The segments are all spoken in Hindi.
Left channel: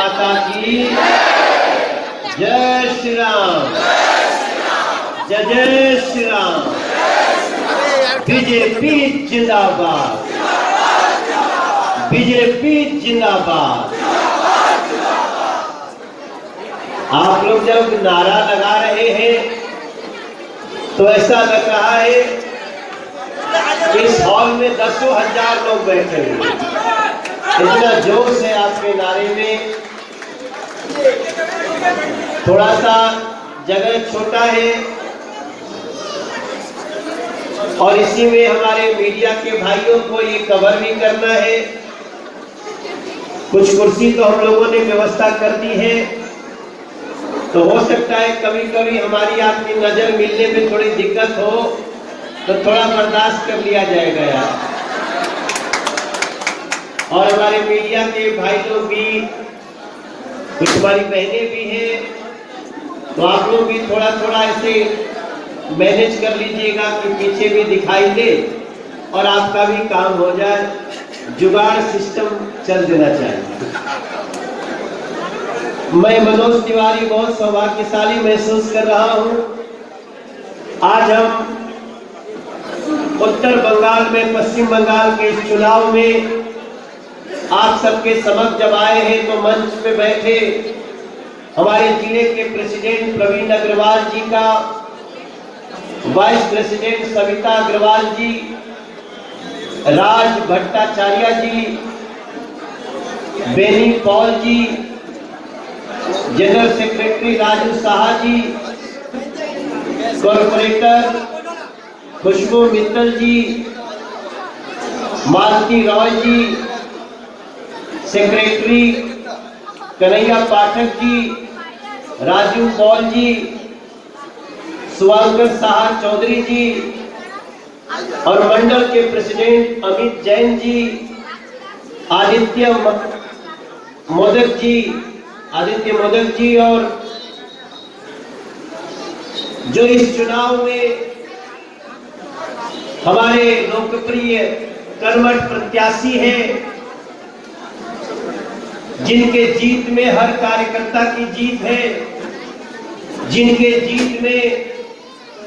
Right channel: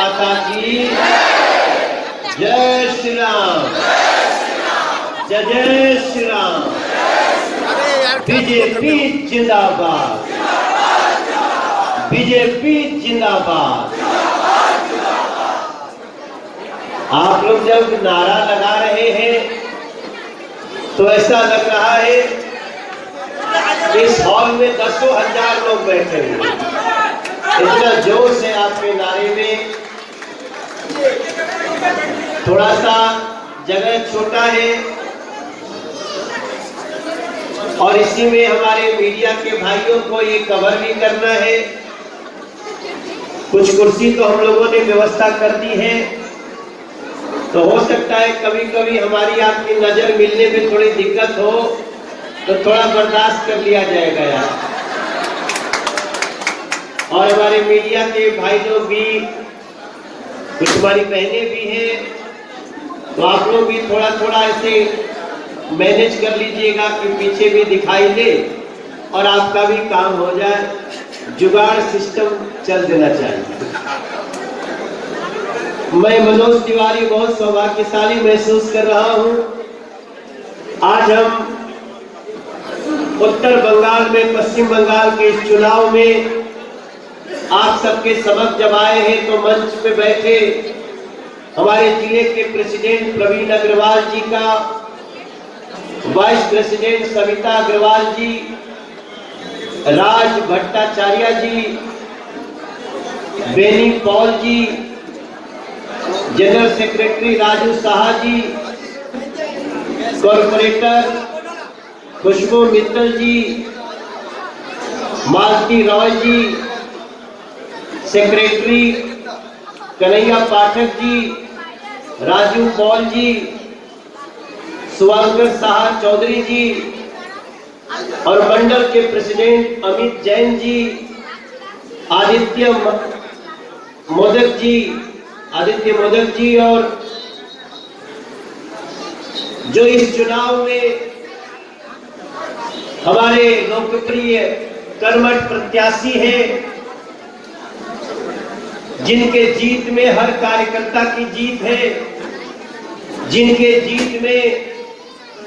माता की जय श्री राम, जय जय श्री राम। बीजेपी जिंदाबाद, बीजेपी जिंदाबाद। आप लोग जब नारा लगा रहे हैं तो ऐसा लग रहा है इस हॉल में दसों हजार लोग बैठे हैं। इतना जोश है आपके नारे में। थोड़ा सा जगह छोटा है और इसी में हमारे मीडिया के भाइयों को ये कवर भी करना है। कुछ कुर्सी तो हम लोगों ने व्यवस्था कर दी है, तो हो सकता है कभी कभी हमारी आपकी नजर मिलने में थोड़ी दिक्कत हो तो थोड़ा बर्दाश्त कर लिया जाएगा यार। और हमारे मीडिया के भाई लोग भी, कुछ हमारी बहनें भी हैं, तो आप लोग भी थोड़ा थोड़ा ऐसे मैनेज कर लीजिएगा कि पीछे भी दिखाई दे और आपका भी काम हो जाए। जुगाड़ सिस्टम चल देना चाहिए। मैं मनोज तिवारी बहुत सौभाग्यशाली महसूस कर रहा हूं। आज हम उत्तर बंगाल में, पश्चिम बंगाल के चुनाव में आप सबके समक्ष जब आए हैं तो मंच पे बैठे हमारे जिले के प्रेसिडेंट प्रवीण अग्रवाल जी का, वाइस प्रेसिडेंट सविता अग्रवाल जी, राज भट्टाचार्य जी, बेनी पॉल जी, जनरल सेक्रेटरी राजू साहा जी, कॉर्पोरेटर खुशबू मित्तल जी, मालती रॉय जी, सेक्रेटरी कन्हैया पाठक जी, राजू पॉल जी, सुवांकर साहा चौधरी जी और मंडल के प्रेसिडेंट अमित जैन जी, आदित्य मोदक जी और जो इस चुनाव में हमारे लोकप्रिय कर्मठ प्रत्याशी हैं, जिनके जीत में हर कार्यकर्ता की जीत है, जिनके जीत में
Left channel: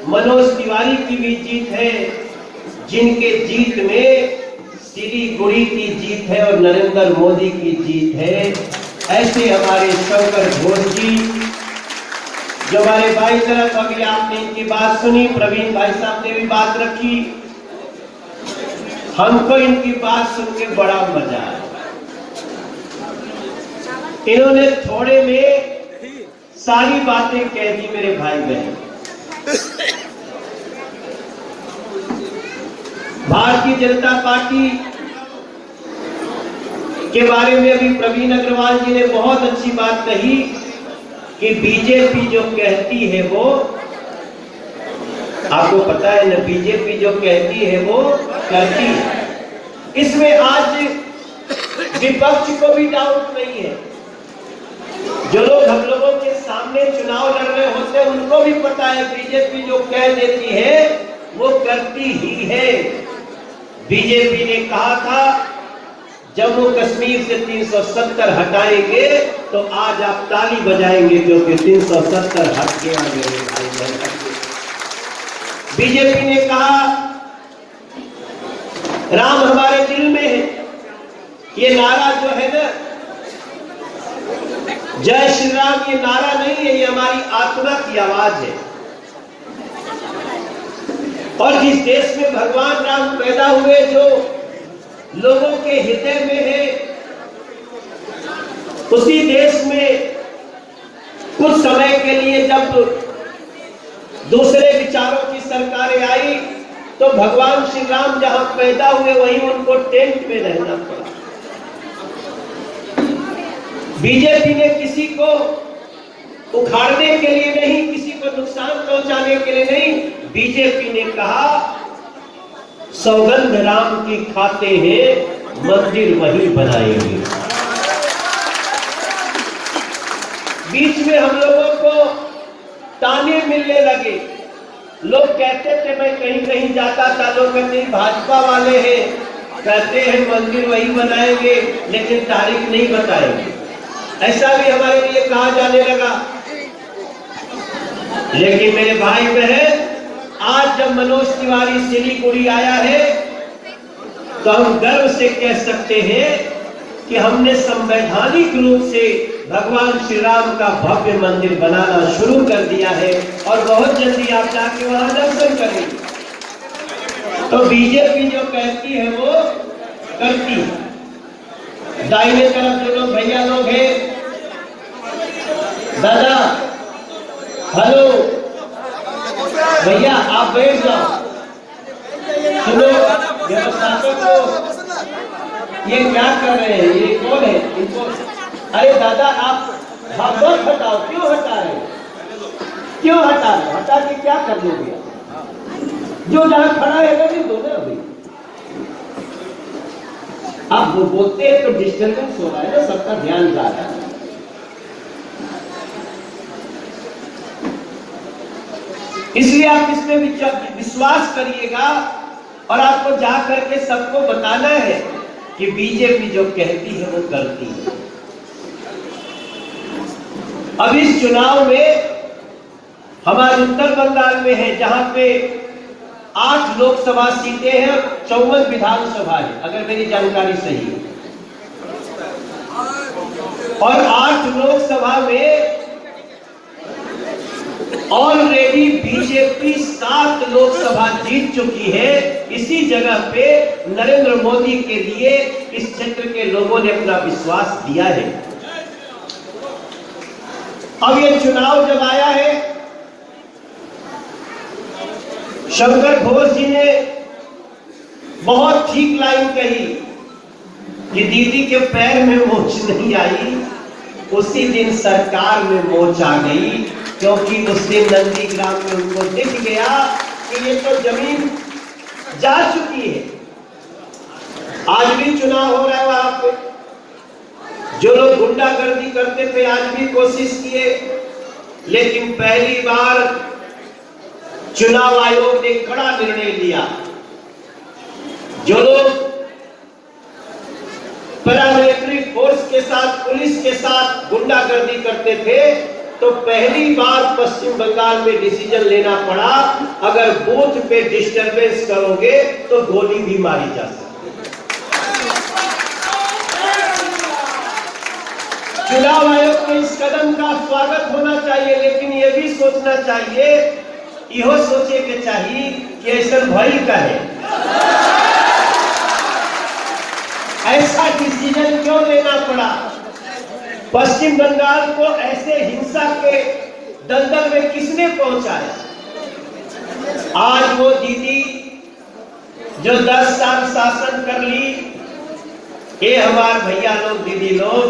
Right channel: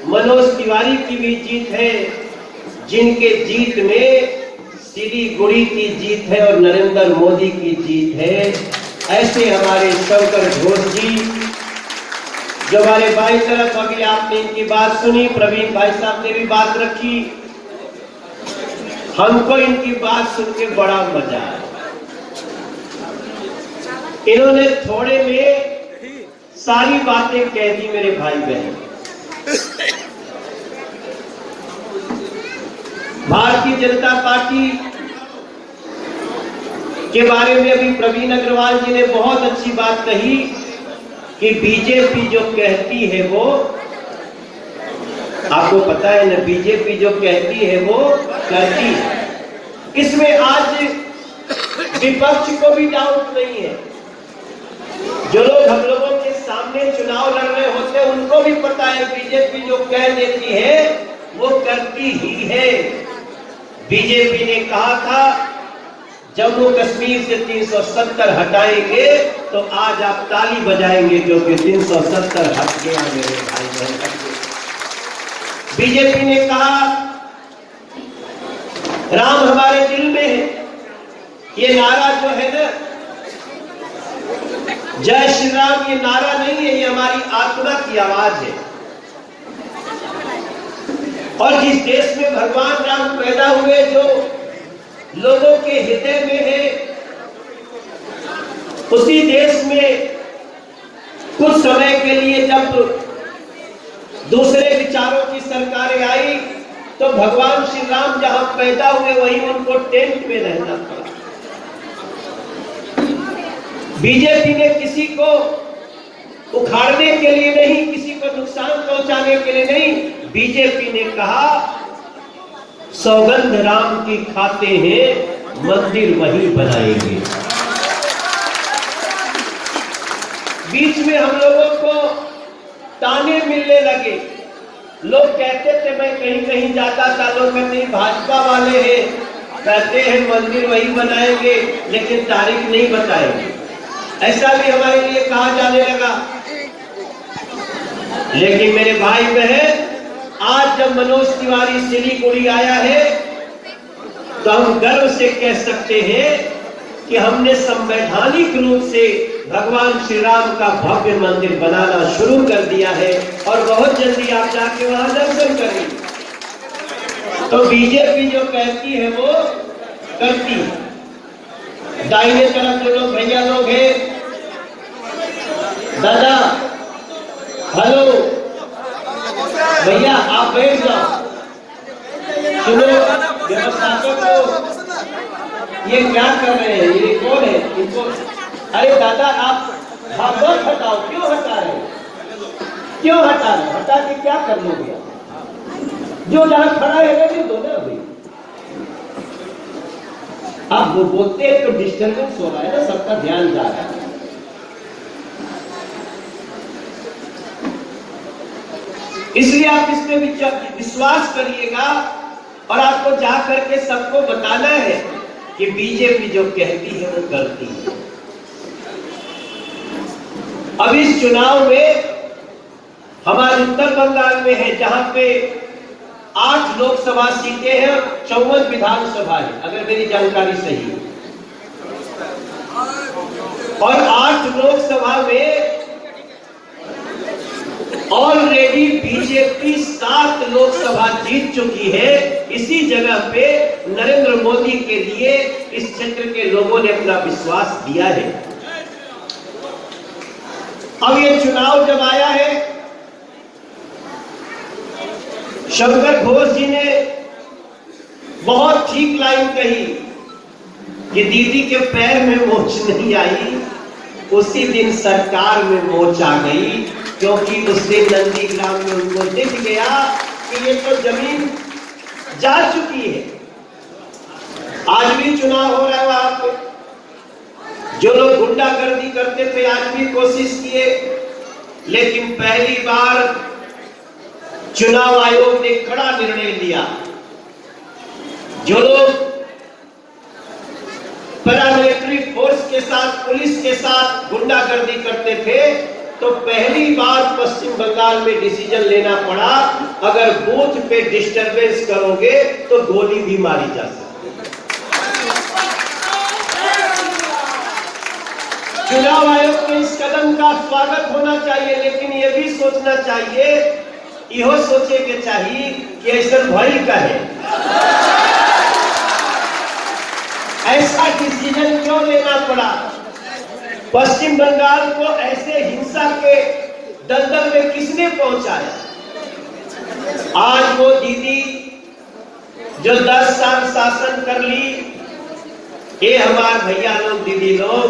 मनोज तिवारी की भी जीत है, जिनके जीत में सिलीगुड़ी की जीत है और नरेंद्र मोदी की जीत है, ऐसे हमारे शंकर घोष जी, जो हमारे बाई तरफ अभी आपने इनकी बात सुनी, प्रवीण भाई साहब ने भी बात रखी, हमको इनकी बात सुन के बड़ा मजा आया। इन्होंने थोड़े में सारी बातें कह दी मेरे भाई बहन। भारतीय जनता पार्टी के बारे में अभी प्रवीण अग्रवाल जी ने बहुत अच्छी बात कही कि बीजेपी जो कहती है वो, आपको पता है ना, बीजेपी जो कहती है वो करती है। इसमें आज विपक्ष को भी डाउट नहीं है। जो लोग हम लोगों के सामने चुनाव लड़ रहे होते हैं उनको भी पता है बीजेपी जो कह देती है वो करती ही है। बीजेपी ने कहा था जम्मू कश्मीर से 370 हटाएंगे, तो आज आप ताली बजाएंगे क्योंकि 370 हट गया मेरे भाई। बीजेपी ने कहा राम हमारे दिल में है। ये नारा जो है ना, जय श्री राम, ये नारा नहीं है, ये हमारी आत्मा की आवाज है। और जिस देश में भगवान राम पैदा हुए, जो लोगों के हृदय में है, उसी देश में कुछ समय के लिए जब दूसरे विचारों की सरकारें आई तो भगवान श्री राम जहां पैदा हुए वहीं उनको टेंट में रहना पड़ा। बीजेपी ने किसी को उखाड़ने के लिए नहीं, किसी को नुकसान पहुंचाने के लिए नहीं, बीजेपी ने कहा सौगंध राम की खाते हैं, मंदिर वही बनाएंगे। बीच में हम लोगों को ताने मिलने लगे। लोग कहते थे, मैं कहीं कहीं जाता था, लोग कहते भाजपा वाले हैं, कहते हैं मंदिर वही बनाएंगे लेकिन तारीख नहीं बताएंगे। ऐसा भी हमारे लिए कहा जाने लगा। लेकिन मेरे भाई बहन, आज जब मनोज तिवारी सिलीगुड़ी आया है तो हम गर्व से कह सकते हैं कि हमने संवैधानिक रूप से भगवान श्री राम का भव्य मंदिर बनाना शुरू कर दिया है और बहुत जल्दी आप जाके वहां दर्शन करेंगे। तो बीजेपी जो कहती है वो करती है। दाहिने तरफ जो लोग भैया लोग हैं, दादा हेलो भैया आप बैठ जाओ, सुनो व्यवस्थापकों को, ये क्या कर रहे हैं, ये कौन है इनको, अरे दादा आप मत हटाओ, क्यों हटा रहे, क्यों हटा रहे, हटा के क्या कर लोगे, जो जहां खड़ा है वो भी दो ना। आप वो बोलते हैं तो डिस्टर्बेंस हो रहा है ना, सबका ध्यान जा रहा है। इसलिए आप इसमें विश्वास करिएगा और आपको जा करके सबको बताना है कि बीजेपी जो कहती है वो करती है। अब इस चुनाव में हमारे उत्तर बंगाल में है जहां पे 8 लोकसभा सीटें हैं, 54 विधानसभा है अगर मेरी जानकारी सही है, और 8 लोकसभा में ऑलरेडी बीजेपी 7 लोकसभा जीत चुकी है। इसी जगह पे नरेंद्र मोदी के लिए इस क्षेत्र के लोगों ने अपना विश्वास दिया है। अब ये चुनाव जब आया है, शंकर घोष जी ने बहुत ठीक लाइन कही कि दीदी के पैर में मोच नहीं आई, उसी दिन सरकार में मोच आ गई, क्योंकि उस दिन नंदीग्राम में उनको दिख गया कि ये तो जमीन जा चुकी है। आज भी चुनाव हो रहा है वहां पे, जो लोग गुंडागर्दी करते थे आज भी कोशिश किए, लेकिन पहली बार चुनाव आयोग ने कड़ा निर्णय लिया। जो लोग पैरामिलिट्री फोर्स के साथ, पुलिस के साथ गुंडागर्दी करते थे, तो पहली बार पश्चिम बंगाल में डिसीजन लेना पड़ा, अगर बूथ पे डिस्टरबेंस करोगे तो गोली भी मारी जा सकती है। चुनाव आयोग के इस कदम का स्वागत होना चाहिए, लेकिन यह भी सोचना चाहिए, यह सोचे के चाहिए कि ऐसा भाई का है, ऐसा डिसीजन क्यों लेना पड़ा, पश्चिम बंगाल को ऐसे हिंसा के दलदल में किसने पहुंचाया। आज वो दीदी जो 10 साल शासन कर ली, ये हमारे भैया लोग, दीदी लोग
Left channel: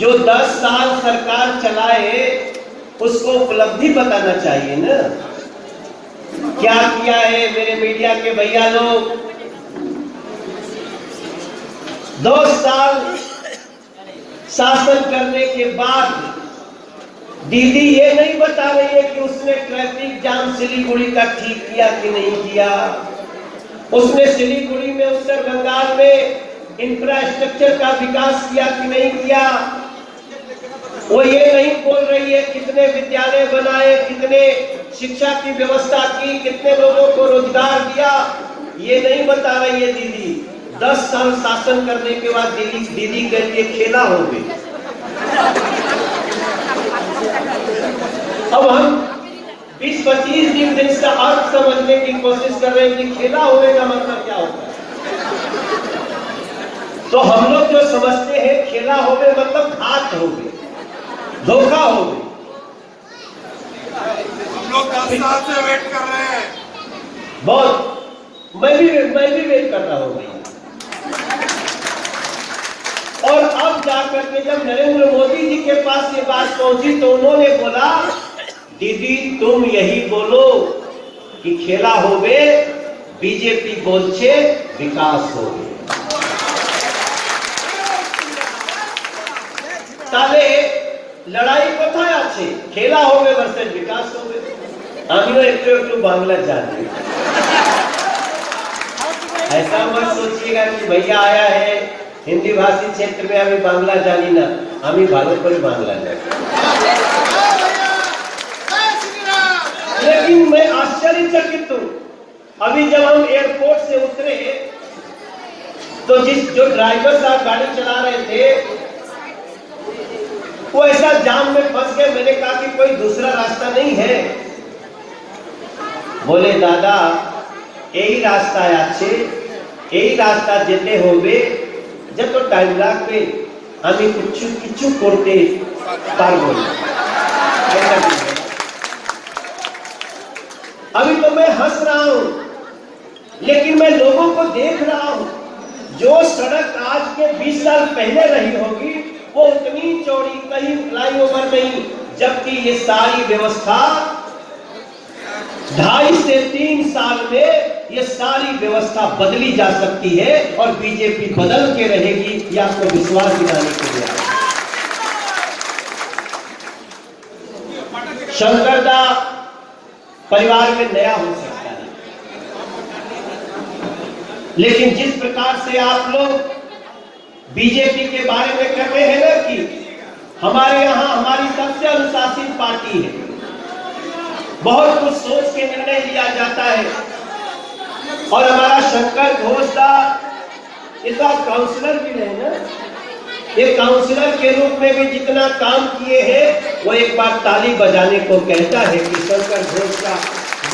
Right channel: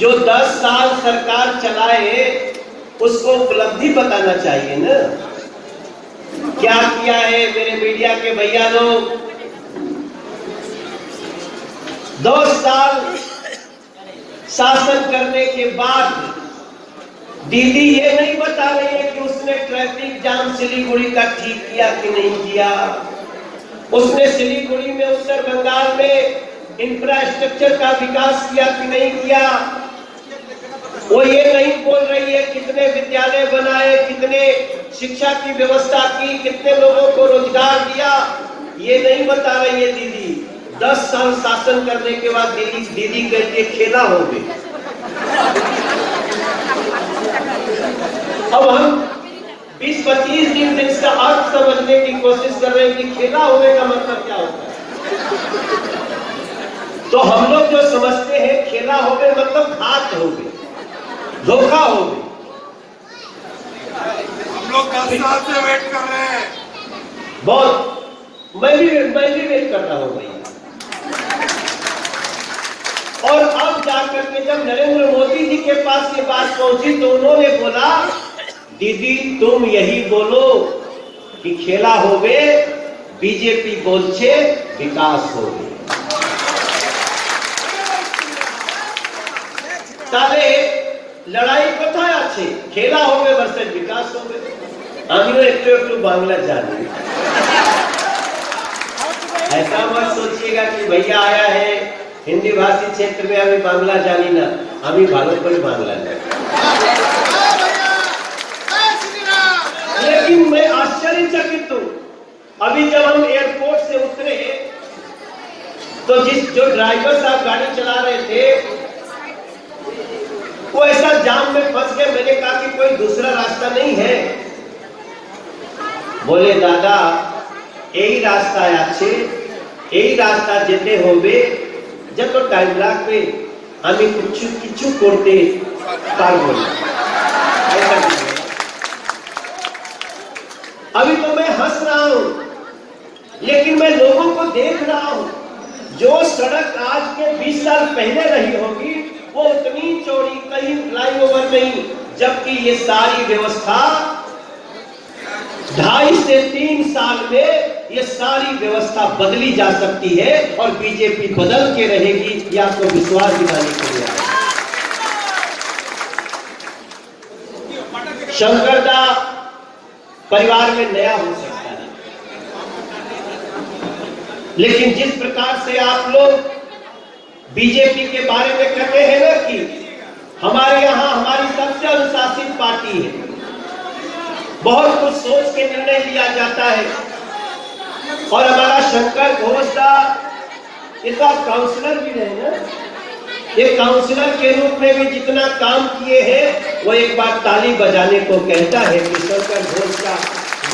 जो 10 साल सरकार चलाए, उसको उपलब्धि बताना चाहिए ना, क्या किया है मेरे मीडिया के भैया लोग। 2 साल शासन करने के बाद दीदी ये नहीं बता रही है कि उसने ट्रैफिक जाम सिलीगुड़ी का ठीक किया कि नहीं किया, उसने सिलीगुड़ी में, उत्तर बंगाल में इंफ्रास्ट्रक्चर का विकास किया कि नहीं किया। वो ये नहीं बोल रही है कितने विद्यालय बनाए, कितने शिक्षा की व्यवस्था की, कितने लोगों को रोजगार दिया, ये नहीं बता रही है दीदी। 10 साल शासन करने के बाद दीदी कहती है खेला हो गई। अब हम 20-25 दिन से इसका अर्थ समझने की कोशिश कर रहे हैं कि खेला होने का मतलब क्या होता है। तो हम लोग जो समझते हैं खेला हो गए मतलब घात हो गई, धोखा हो गई। हम लोग 10 साल से वेट कर रहे हैं, बहुत मैं भी वेट कर रहा हूं भाई। और अब जाकर के जब नरेंद्र मोदी जी के पास ये बात पहुंची तो उन्होंने बोला, दीदी तुम यही बोलो कि खेला हो गए, बीजेपी बोलছে विकास हो गए। তাহলে লড়াই কোথায় আছে? খেলা হবে ভার্সেস বিকাশ হবে। আমিও একটু একটু বাংলা জানি। ऐसा मत सोचिएगा कि भैया आया है हिंदी भाषी क्षेत्र में, अभी बांग्ला जानी ना। আমি ভালো করে বাংলা জানি। लेकिन मैं आश्चर्यचकित हूं, अभी जब हम एयरपोर्ट से उतरे तो जो ड्राइवर साहब गाड़ी चला रहे थे वो ऐसा जाम में फंस गए। मैंने कहा कि कोई दूसरा रास्ता नहीं है? बोले दादा यही रास्ता আছে, এই রাস্তা যেতে হবে, যত টাইম লাগবে আমি কিছু করতে পারবো না। अभी तो मैं हंस रहा हूं, लेकिन मैं लोगों को देख रहा हूं, जो सड़क आज के 20 साल पहले रही होगी वो उतनी चौड़ी, कहीं फ्लाईओवर नहीं, जबकि ये सारी व्यवस्था 2.5 से 3 साल में ये सारी व्यवस्था बदली जा सकती है और बीजेपी बदल के रहेगी। ये आपको विश्वास दिलाने के लिए शंकरदा परिवार में नया हो सकता है, लेकिन जिस प्रकार से आप लोग बीजेपी के बारे में कहते हैं ना कि हमारे यहां हमारी सबसे अनुशासित पार्टी है, बहुत कुछ सोच के निर्णय लिया जाता है, और हमारा शंकर घोष का इसका काउंसलर भी है ना, एक काउंसलर के रूप में भी जितना काम किए हैं वो एक बार ताली बजाने को कहता है कि शंकर घोष का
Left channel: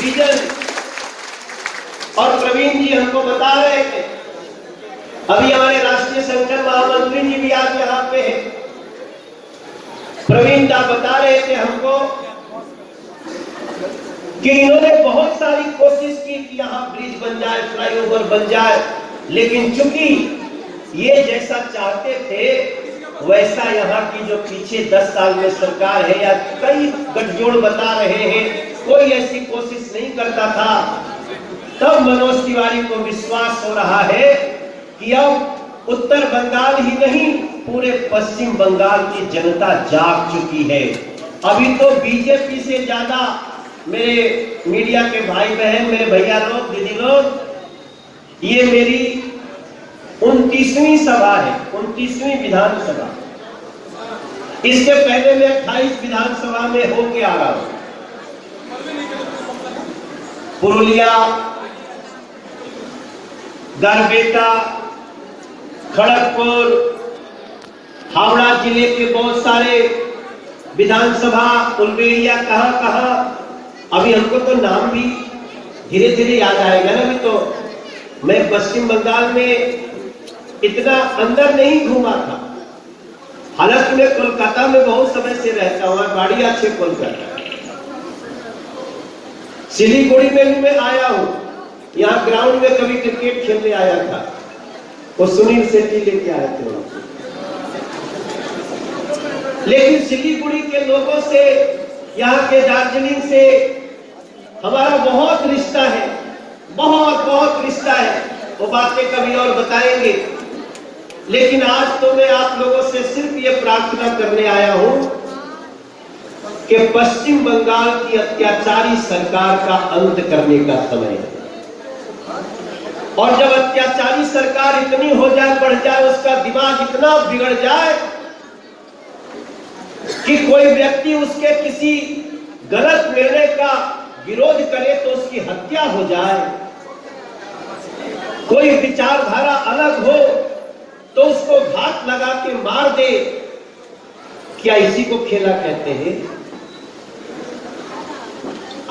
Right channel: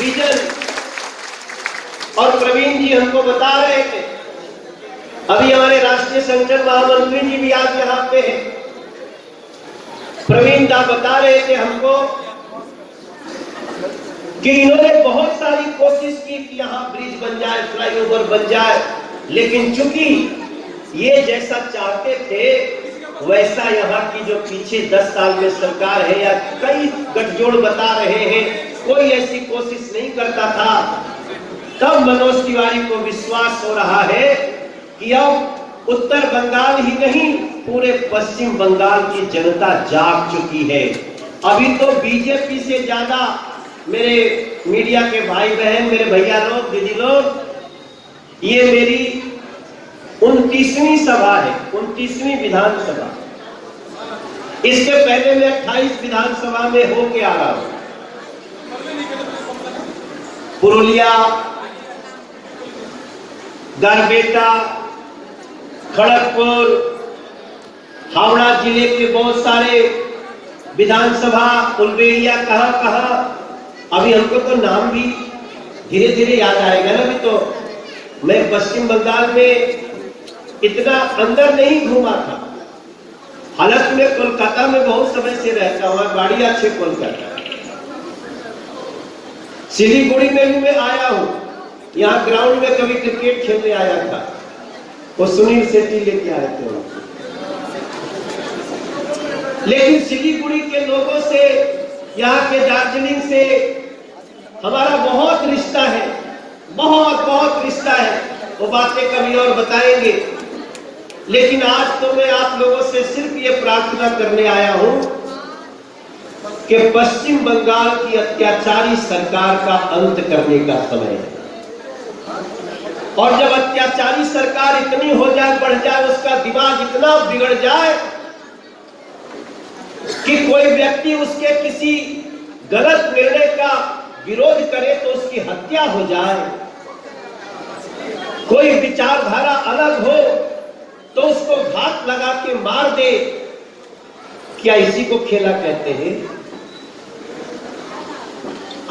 विजन। और प्रवीण जी हमको बता रहे थे, अभी हमारे राष्ट्रीय संगठन महामंत्री जी भी आज यहाँ पे हैं, प्रवीण दा बता रहे थे हमको कि इन्होंने बहुत सारी कोशिश की कि यहाँ ब्रिज बन जाए, फ्लाईओवर बन जाए, लेकिन चूंकि ये जैसा चाहते थे वैसा यहाँ की जो पीछे 10 साल में सरकार है या कई गठजोड़ बता रहे हैं, कोई ऐसी कोशिश नहीं करता था। तब मनोज तिवारी को विश्वास हो रहा है कि अब उत्तर बंगाल ही नहीं पूरे पश्चिम बंगाल की जनता जाग चुकी है। अभी तो बीजेपी से ज्यादा मेरे मीडिया के भाई बहन, मेरे भैया लोग, दीदी लोग, ये मेरी 29वीं सभा है, 29वीं विधानसभा। इसके पहले मैं 28 विधानसभा में होके आ रहा हूं। पुरुलिया, गरबेटा, खड़गपुर, हावड़ा जिले के बहुत सारे विधानसभा, उलबेड़िया, कहां अभी हमको तो नाम भी धीरे धीरे याद आएगा ना। अभी तो मैं पश्चिम बंगाल में इतना अंदर नहीं घूमा था, हालांकि मैं कोलकाता में बहुत समय से रहता हूं, गाड़ी अच्छे कोलकाता, सिलीगुड़ी में भी मैं आया हूं, यहाँ ग्राउंड में कभी क्रिकेट खेलने आया था, वो सुनील शेट्टी लेके आए थे। लेकिन सिलीगुड़ी के लोगों से, यहाँ के दार्जिलिंग से हमारा बहुत रिश्ता है, बहुत रिश्ता है, वो बातें कभी और बताएंगे। लेकिन आज तो मैं आप लोगों से सिर्फ ये प्रार्थना करने आया हूं कि पश्चिम बंगाल की अत्याचारी सरकार का अंत करने का समय है। और जब अत्याचारी सरकार इतनी हो जाए, बढ़ जाए, उसका दिमाग इतना बिगड़ जाए कि कोई व्यक्ति उसके किसी गलत निर्णय का विरोध करे तो उसकी हत्या हो जाए, कोई विचारधारा अलग हो तो उसको घात लगा के मार दे, क्या इसी को खेला कहते हैं?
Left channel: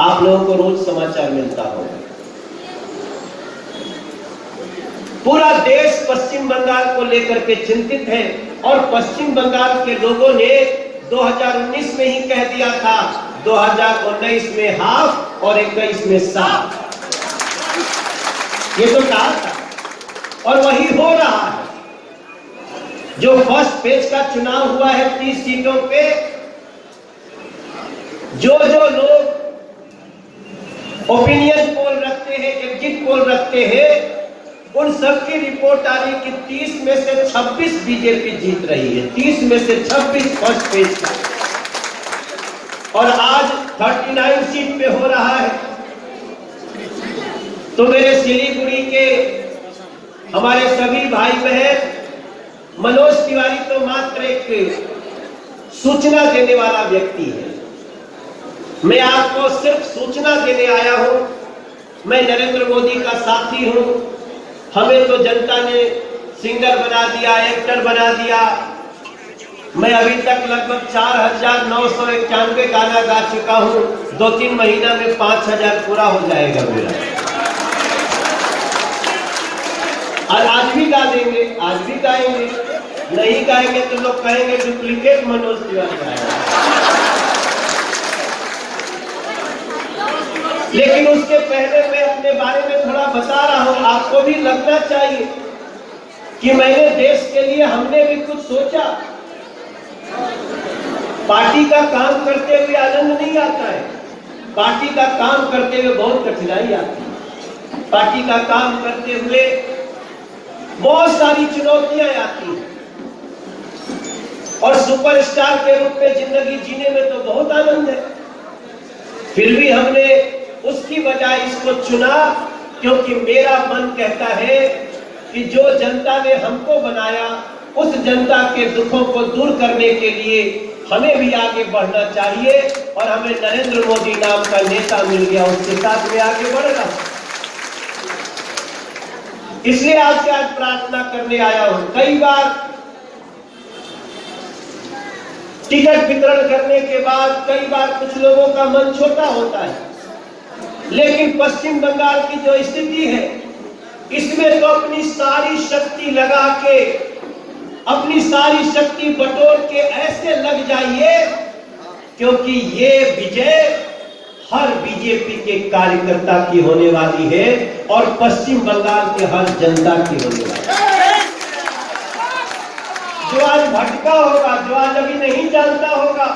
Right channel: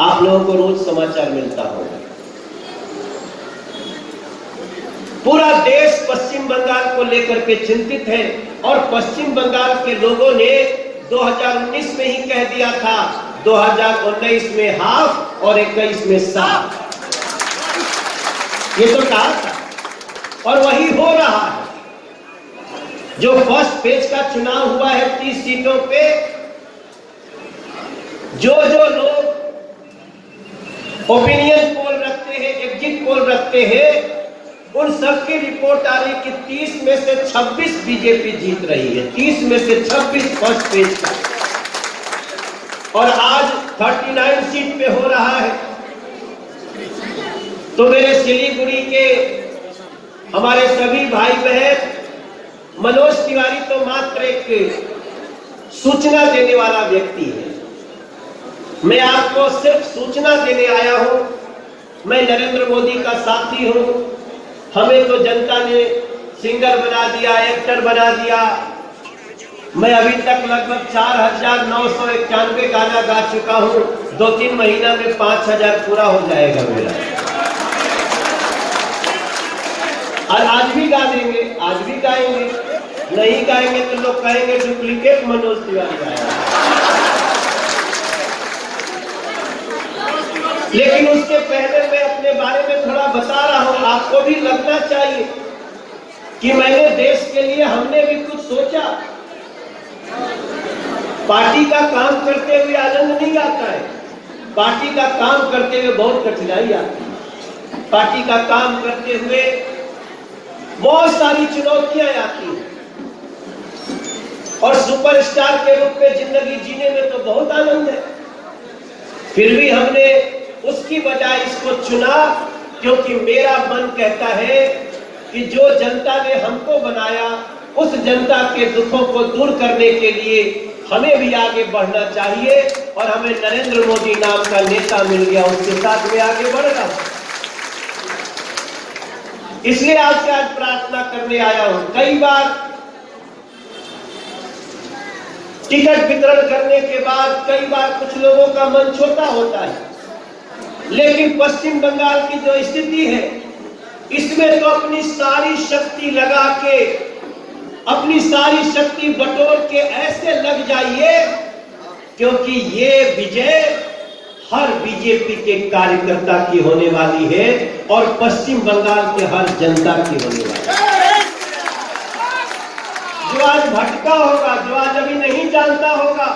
आप लोगों को रोज समाचार मिलता होगा, पूरा देश पश्चिम बंगाल को लेकर के चिंतित है। और पश्चिम बंगाल के लोगों ने 2019 में ही कह दिया था, 2019 में हाफ और 21 में साफ, ये तो कहा था और वही हो रहा है। जो फर्स्ट फेज का चुनाव हुआ है 30 सीटों पे, जो लोग ओपिनियन पोल रखते हैं, एग्जिट पोल रखते हैं, उन सबकी रिपोर्ट आ रही कि 30 में से 26 बीजेपी जीत रही है, 30 में से 26 फर्स्ट फेज का, और आज 39 सीट पे हो रहा है। तो मेरे सिलीगुड़ी के हमारे सभी भाई बहन, मनोज तिवारी तो मात्र एक सूचना देने वाला व्यक्ति है। मैं आपको सिर्फ सूचना देने आया हूं। मैं नरेंद्र मोदी का साथी हूं। हमें तो जनता ने सिंगर बना दिया, एक्टर बना दिया। मैं अभी तक लगभग 4,991 गाना गा चुका हूं। 2-3 महीना में 5,000 पूरा हो जाएगा मेरा। और आज भी गा लेंगे, आज भी गाएंगे। नहीं गाएंगे तो लोग कहेंगे डुप्लीकेट मनोज तिवारी। लेकिन उसके पहले मैं अपने बारे में थोड़ा बता रहा हूं। आपको भी लगना चाहिए कि मैंने देश के लिए, हमने भी कुछ सोचा। पार्टी का काम करते हुए आनंद नहीं आता है। पार्टी का काम करते हुए बहुत कठिनाई आती है। पार्टी का काम करते हुए बहुत सारी चुनौतियां आती हैं। और सुपरस्टार के रूप में जिंदगी जीने में तो बहुत आनंद है। फिर भी हमने उसकी बजाय इसको चुना, क्योंकि मेरा मन कहता है कि जो जनता ने हमको बनाया, उस जनता के दुखों को दूर करने के लिए हमें भी आगे बढ़ना चाहिए। और हमें नरेंद्र मोदी नाम का नेता मिल गया, उसके साथ में आगे बढ़ रहा। इसलिए आपसे आज प्रार्थना करने आया हूं। कई बार टिकट वितरण करने के बाद कई बार कुछ लोगों का मन छोटा होता है, लेकिन पश्चिम बंगाल की जो स्थिति है, इसमें तो अपनी सारी शक्ति लगा के, अपनी सारी शक्ति बटोर के ऐसे लग जाइए, क्योंकि ये विजय हर बीजेपी के कार्यकर्ता की होने वाली है और पश्चिम बंगाल के हर जनता की होने वाली है। जो आज भटका होगा, जो आज अभी नहीं जानता होगा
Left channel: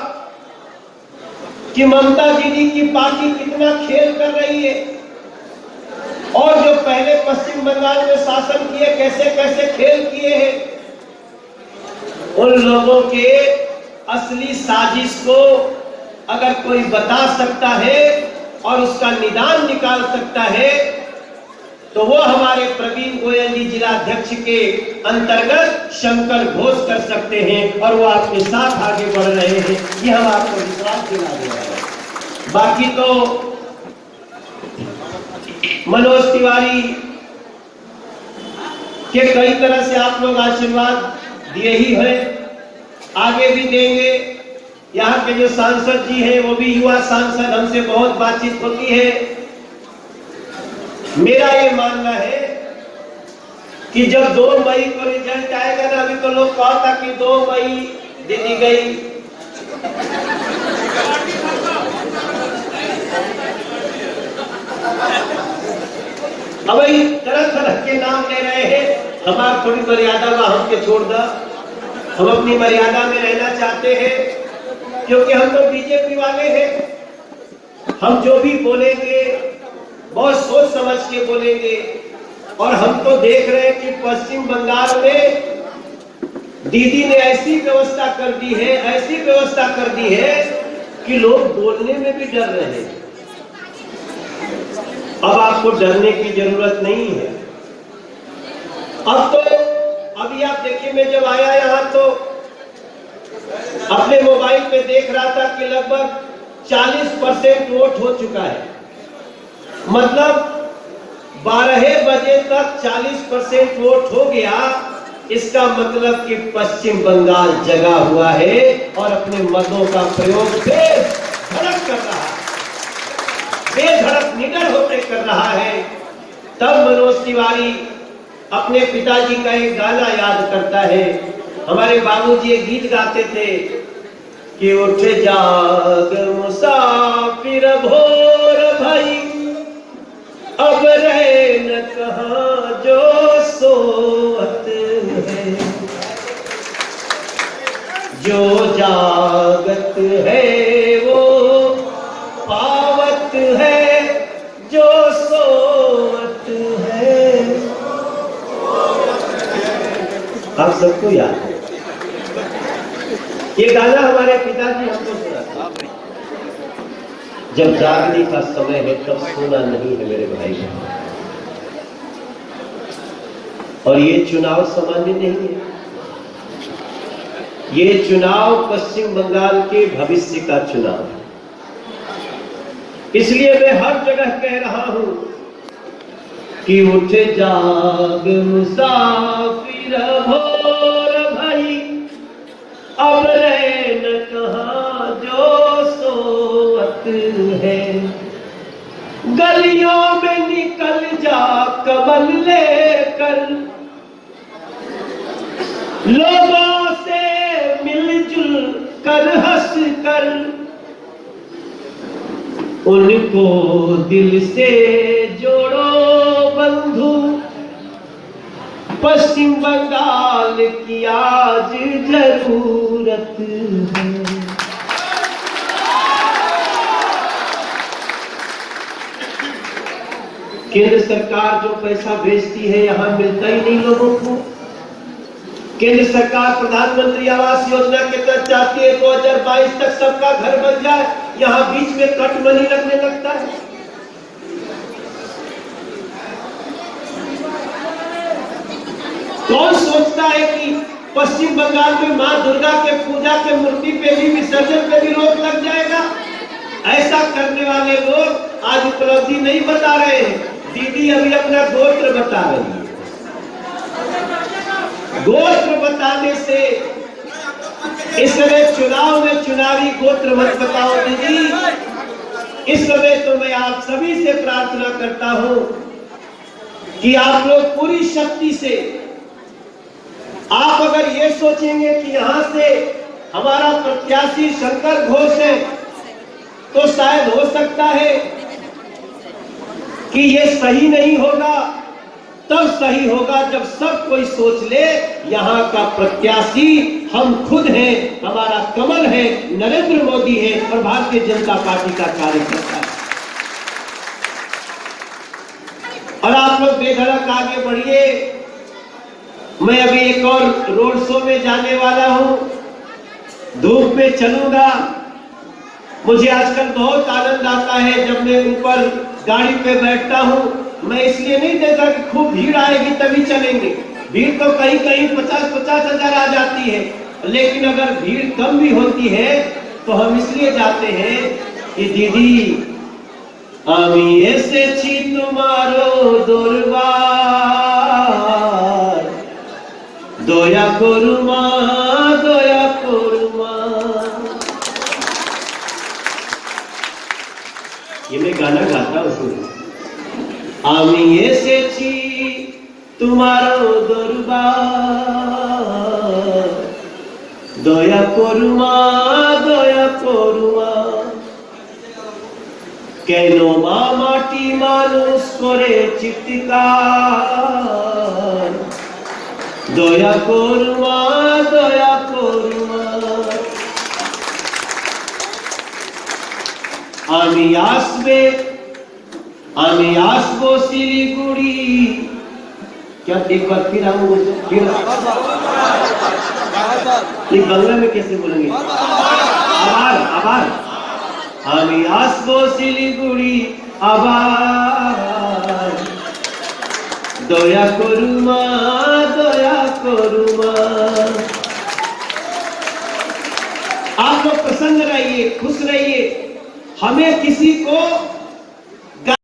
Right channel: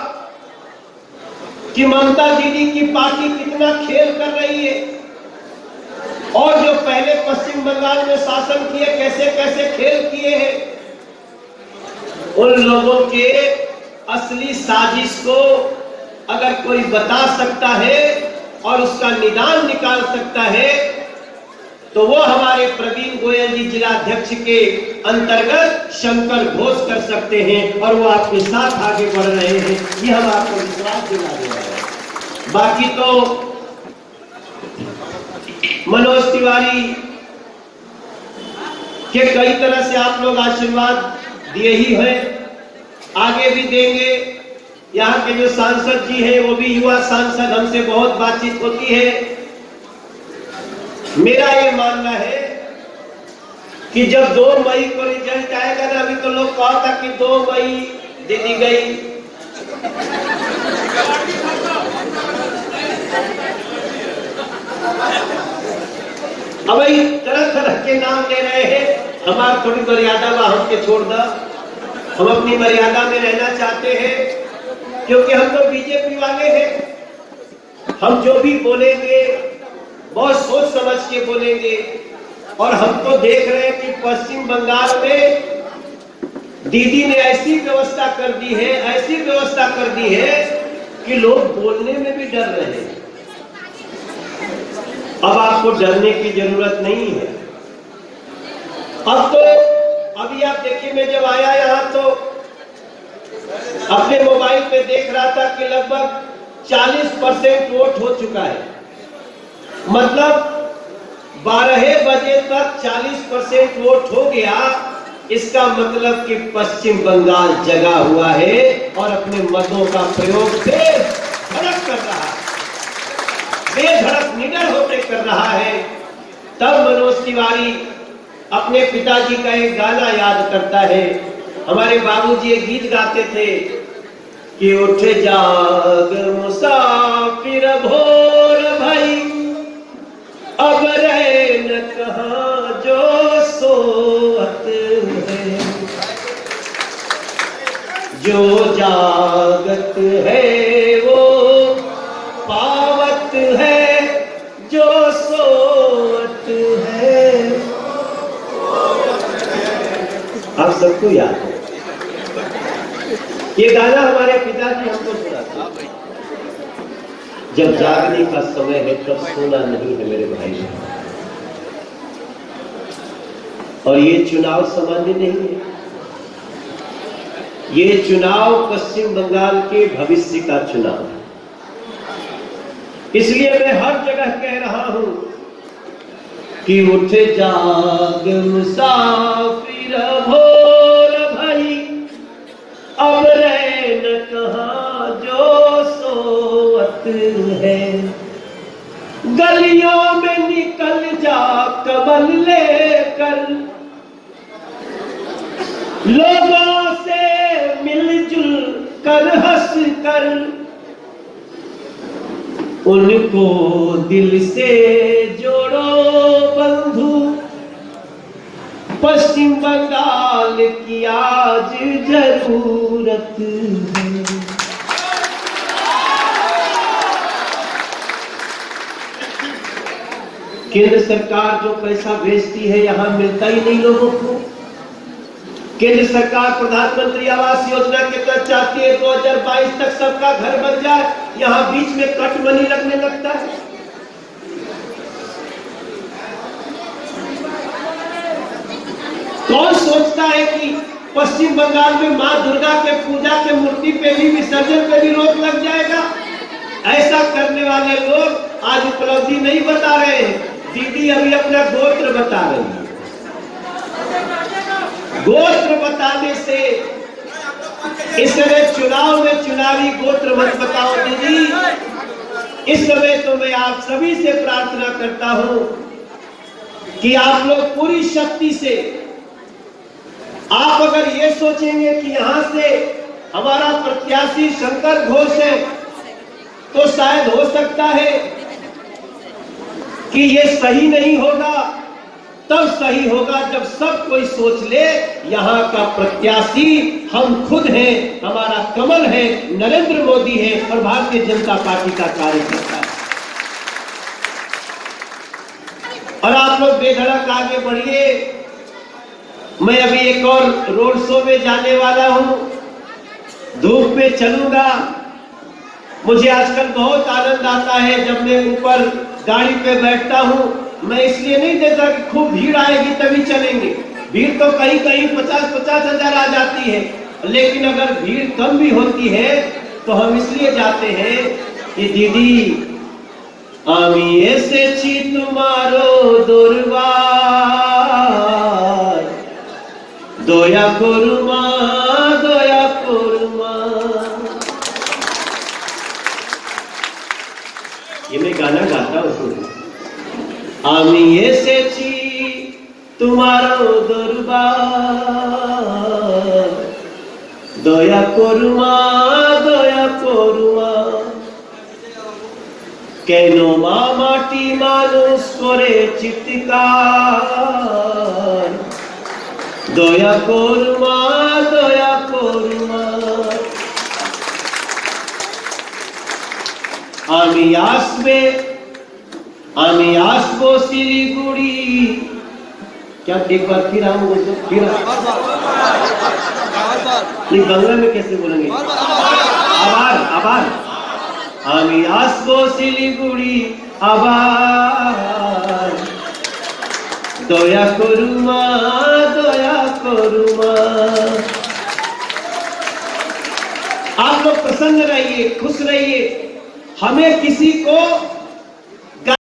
कि ममता दीदी की पार्टी कितना खेल कर रही है, और जो पहले पश्चिम बंगाल में शासन किए कैसे कैसे खेल किए हैं, उन लोगों के असली साजिश को अगर कोई बता सकता है और उसका निदान निकाल सकता है, तो वो हमारे प्रवीण गोयल जी जिला अध्यक्ष के अंतर्गत शंकर घोष कर सकते हैं, और वो आपके साथ आगे बढ़ रहे हैं। ये हम आपको विश्वास दिला दे रहे हैं। बाकी तो मनोज तिवारी के कई तरह से आप लोग आशीर्वाद दिए ही है, आगे भी देंगे। यहाँ के जो सांसद जी हैं, वो भी युवा सांसद, हमसे बहुत बातचीत होती है। मेरा ये मानना है कि जब 2 मई को रिजल्ट आएगा ना, अभी तो लोग कहा था कि 2 मई दे दी गई, अब तरह तरह के नाम ले रहे हैं। हमारा थोड़ी मर्यादा में हमके छोड़ दो, हम अपनी मर्यादा में रहना चाहते हैं, क्योंकि हम तो बीजेपी वाले हैं। हम जो भी बोलेंगे बहुत सोच समझ के बोलेंगे। और हम तो देख रहे हैं कि पश्चिम बंगाल में दीदी ने ऐसी व्यवस्था कर दी है, ऐसी व्यवस्था कर दी है कि लोग बोलने में भी डर रहे हैं। अब आपको डरने की जरूरत नहीं है। अब तो अभी आप देखिए, मैं जब आया यहाँ तो अपने मोबाइल पे देख रहा था कि लगभग 40% वोट हो चुका है। मतलब 12 बजे तक 40% वोट हो गया। इसका मतलब कि पश्चिम बंगाल जगा हुआ है और अपने मतों का प्रयोग बेधड़क कर रहा है, बेधड़क निडर होकर कर रहा है। तब मनोज तिवारी अपने पिताजी का एक गाना याद करता है। हमारे बाबूजी एक गीत गाते थे कि उठे जाग मुसाफिर भोर भई, अब रहे न कहाँ जो सोत है, जो जागत है वो पावत है, जो सोत है। आप सबको याद है ये गाना, हमारे पिताजी हमको सुनाते। जब जागने का समय है तब सोना नहीं है मेरे भाई। और ये चुनाव सामान्य नहीं है। ये चुनाव पश्चिम बंगाल के भविष्य का चुनाव है। इसलिए मैं हर जगह कह रहा हूं कि उठ जाग मुसाफिर भोर भई, अब रैन कहाँ जो सोवत है। गलियों में निकल जा कमल लेकर, लोगों से मिलजुल कर हंस कर, उनको दिल से जोड़ो बंधु। पश्चिम बंगाल की आज जरूरत है। केंद्र सरकार जो पैसा भेजती है यहां मिलता ही नहीं लोगों को। केंद्र सरकार प्रधानमंत्री आवास योजना के तहत चाहती है 2022 तक सबका घर बन जाए, यहां बीच में कट मनी लगने लगता है। कौन सोचता है कि पश्चिम बंगाल में मां दुर्गा के पूजा के मूर्ति पे भी, विसर्जन पे भी रोक लग जाएगा? ऐसा करने वाले लोग आज उपलब्धि नहीं बता रहे हैं। दीदी अभी अपना गोत्र बता रही है। गोत्र बताने से इस समय चुनाव में चुनावी गोत्र मत बताओ दीदी। इस समय तो मैं आप सभी से प्रार्थना करता हूं कि आप लोग पूरी शक्ति से, आप अगर ये सोचेंगे कि यहां से हमारा प्रत्याशी शंकर घोष है तो शायद हो सकता है कि ये सही नहीं होगा। तब सही होगा जब सब कोई सोच ले यहां का प्रत्याशी हम खुद हैं, हमारा कमल है, नरेंद्र मोदी है और भारतीय जनता पार्टी का कार्यकर्ता है। और आप लोग बेधड़क आगे बढ़िए। मैं अभी एक और रोड शो में जाने वाला हूं, धूप में चलूंगा। मुझे आजकल बहुत आनंद आता है जब मैं ऊपर गाड़ी पे बैठता हूं। मैं इसलिए नहीं देता कि खूब भीड़ आएगी तभी चलेंगे। भीड़ तो कहीं कहीं 50-50 हजार आ जाती है, लेकिन अगर भीड़ कम भी होती है तो हम इसलिए जाते हैं कि दीदी আমি এসেছি তোমারও দরবার, দয়া করো মা, দয়া করো মা। ये मैं गाना गाता हूँ। আমি এসেছি তোমারও দরবার, দয়া করো মা, দয়া করো মা। কেন মা মাটি মানুষ করে চিৎকার, দয়া করো মা, দয়া করো মা। আমি আসবো শিলিগুড়ি। क्या एक बार फिर आऊंगा तो फिर नहीं, बांग्ला में कैसे बोलेंगे? आभार। আমি আসবো শিলিগুড়ি আবার, দয়া করু মা, দয়া করু মা। आप लोग प्रसन्न रहिए, खुश रहिए। हमें किसी को